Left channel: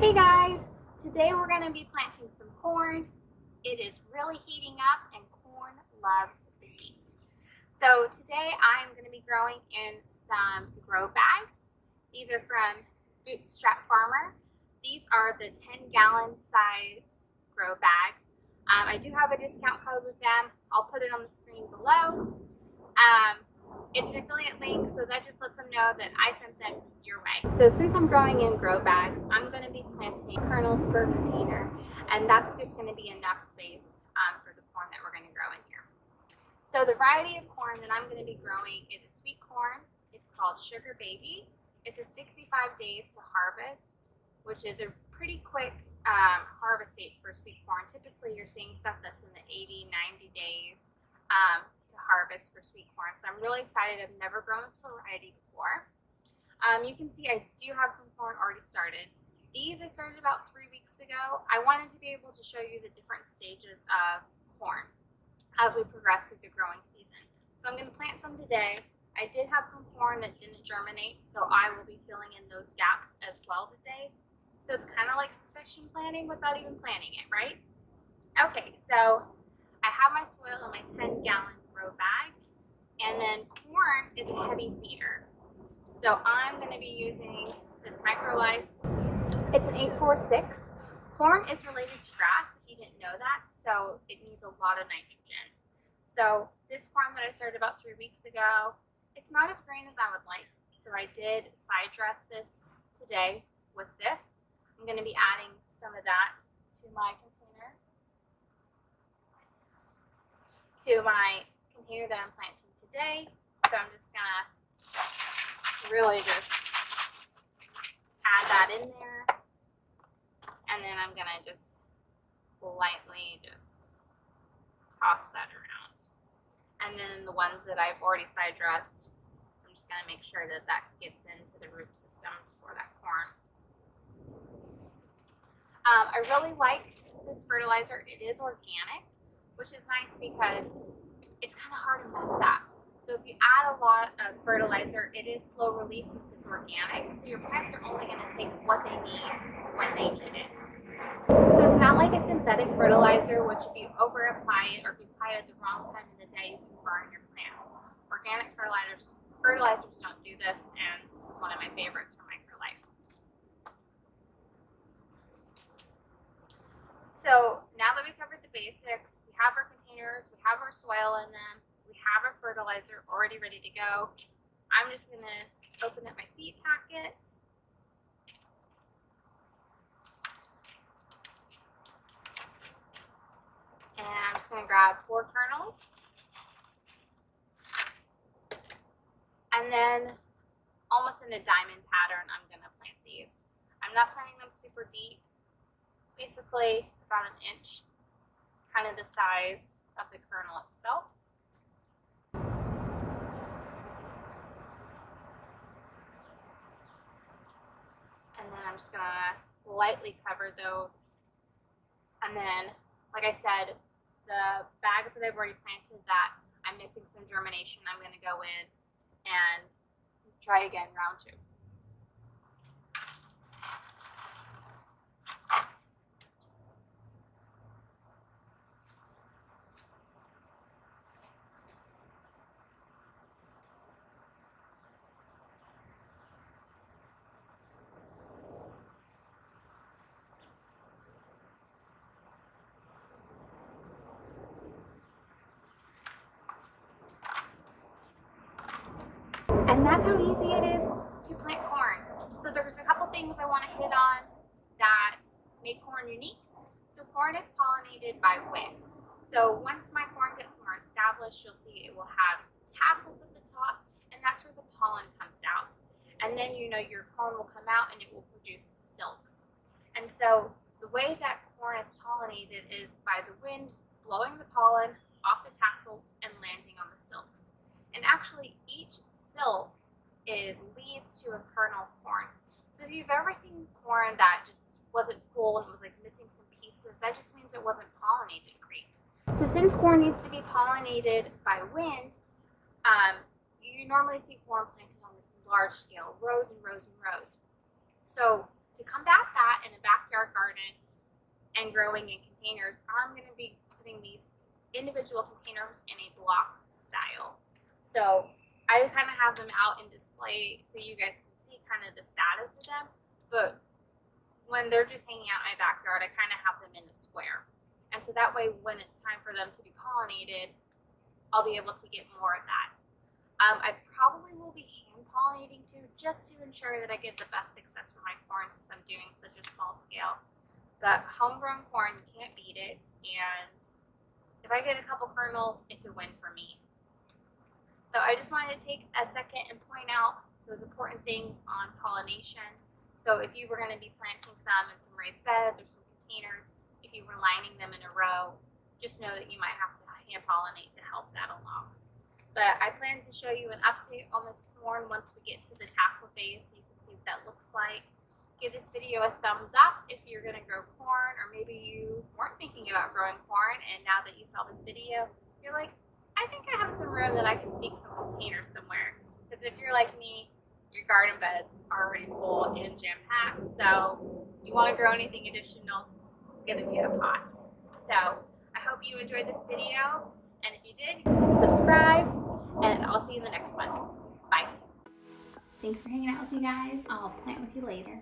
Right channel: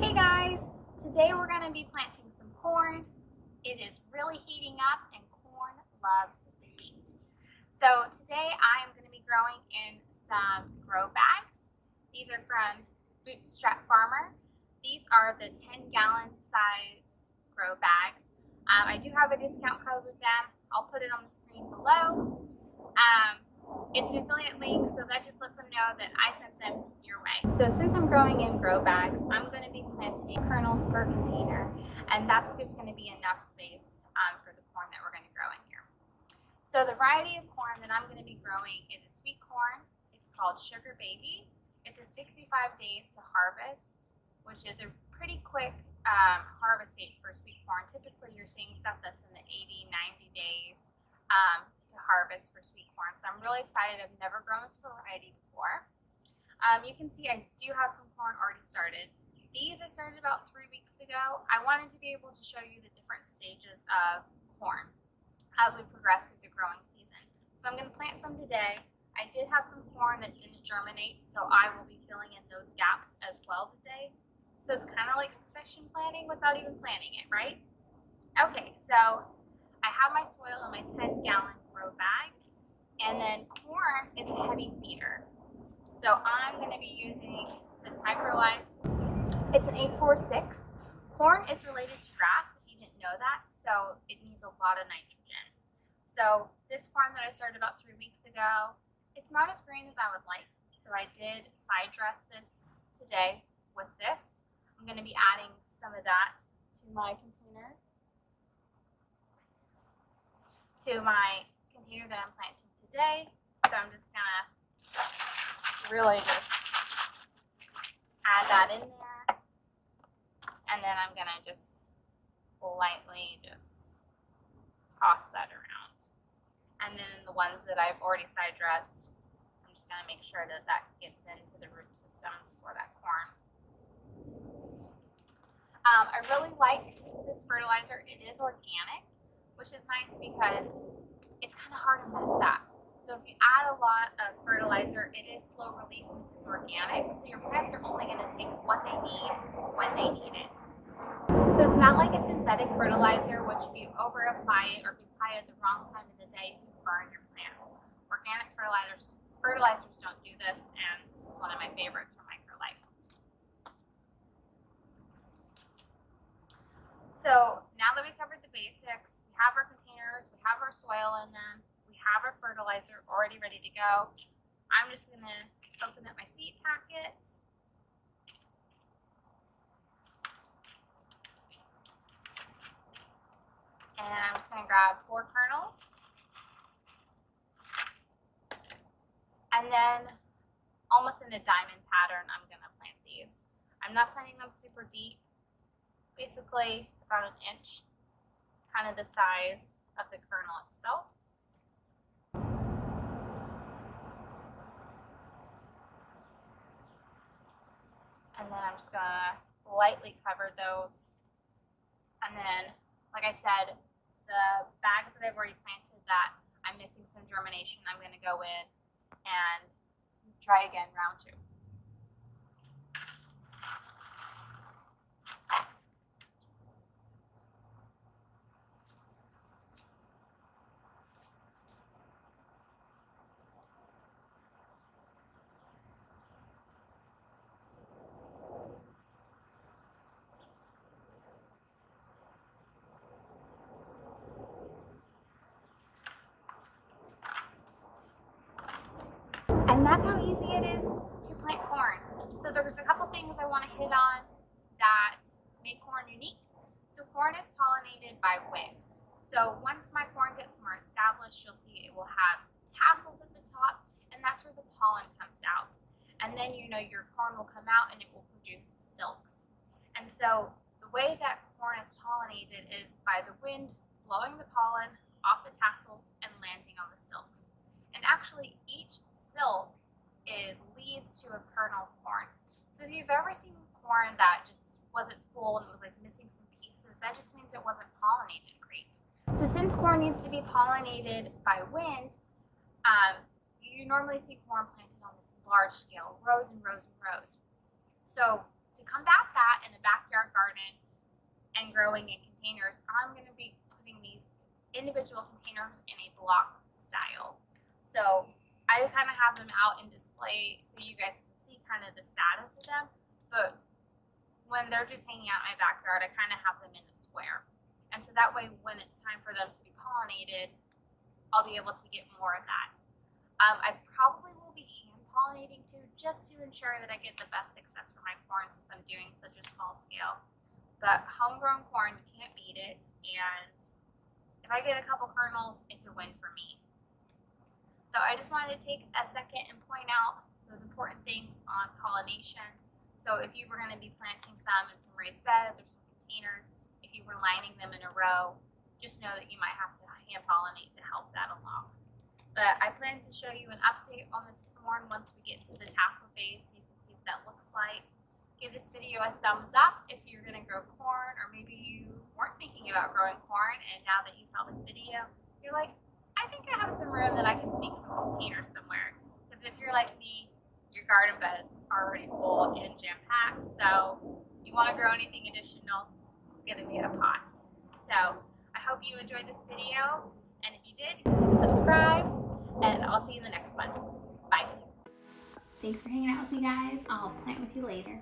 Hey guys, today we're going to be planting some corn. It is really heating up and corn loves the heat. So today I am going to be growing in some grow bags. These are from Bootstrap Farmer. These are the 10-gallon size grow bags. I do have a discount code with them. I'll put it on the screen below. It's an affiliate link, so that just lets them know that I sent them your way. So since I'm growing in grow bags, I'm going to be planting kernels per container, and that's just going to be enough space for the corn that we're going to grow in here. So the variety of corn that I'm going to be growing is a sweet corn. It's called Sugar Baby. It's a 65 days to harvest, which is a pretty quick harvest date for sweet corn. Typically you're seeing stuff that's in the 80, 90 days to harvest for sweet corn. So I'm really excited. I've never grown this variety before. You can see I do have some corn already started. These I started about 3 weeks ago. I wanted to be able to show you the different stages of corn as we progress through the growing season. So I'm going to plant some today. I did have some corn that didn't germinate, so I will be filling in those gaps as well today. So it's kind of like succession planting without even planting it, right? Okay, so I have my soil in my 10-gallon grow bag, and then corn is a heavy feeder. So I'm going to be using this Microlife. It's an 846. Corn is related to grass, if you didn't know that, so it needs a lot of nitrogen. So this corn that I started about 3 weeks ago, it's not as green as I would like, so I did side dress this today with this. I'm going to be adding some of that to my container. That I'm planting today. So I'm just gonna really just add that in there, and then I'm gonna just lightly just toss that around. And then the ones that I've already side dressed, I'm just gonna make sure that that gets into the root systems for that corn. I really like this fertilizer. It is organic, which is nice because it's kind of hard to mess up. So if you add a lot of fertilizer, it is slow release since it's organic. So your plants are only going to take what they need when they need it. So it's not like a synthetic fertilizer, which if you over apply it or if you apply it at the wrong time of the day, you can burn your plants. Organic fertilizers don't do this, and this is one of my favorites from Microlife. So now that we covered the basics, we have our containers, we have our soil in them, we have our fertilizer already ready to go. I'm just going to open up my seed packet. And I'm just going to grab 4 kernels. And then almost in a diamond pattern, I'm going to plant these. I'm not planting them super deep. Basically about an inch, kind of the size of the kernel itself. And then I'm just gonna lightly cover those. And then, like I said, the bags that I've already planted that I'm missing some germination, I'm gonna go in and try again round 2. And that's how easy it is to plant corn. So there's a couple things I want to hit on that make corn unique. So corn is pollinated by wind. So once my corn gets more established, you'll see it will have tassels at the top, and that's where the pollen comes out. And then your corn will come out and it will produce silks. And so the way that corn is pollinated is by the wind blowing the pollen off the tassels and landing on the silks. And actually each silk, it leads to a kernel of corn. So if you've ever seen corn that just wasn't full and was like missing some pieces, that just means it wasn't pollinated great. So since corn needs to be pollinated by wind, you normally see corn planted on this large scale, rows and rows and rows. So to combat that, that in a backyard garden and growing in containers, I'm going to be putting these individual containers in a block style. So I kind of have them out in display so you guys can see kind of the status of them, but when they're just hanging out in my backyard, I kind of have them in a square. And so that way, when it's time for them to be pollinated, I'll be able to get more of that. I probably will be hand pollinating too, just to ensure that I get the best success for my corn since I'm doing such a small scale. But homegrown corn, you can't beat it, and if I get a couple kernels, it's a win for me. So I just wanted to take a second and point out those important things on pollination. So if you were going to be planting some in some raised beds or some containers, if you were lining them in a row, just know that you might have to hand pollinate to help that along. But I plan to show you an update on this corn once we get to the tassel phase so you can see what that looks like. Give this video a thumbs up if you're going to grow corn, or maybe you weren't thinking about growing corn and now that you saw this video, you're like, I think I have some room that I can sneak some containers somewhere. Because if you're like me, your garden beds are already full and jam-packed, so you want to grow anything additional, it's going to be a pot. So I hope you enjoyed this video, and if you did, subscribe, and I'll see you in the next one. Bye. Thanks for hanging out with me, guys. I'll plant with you later.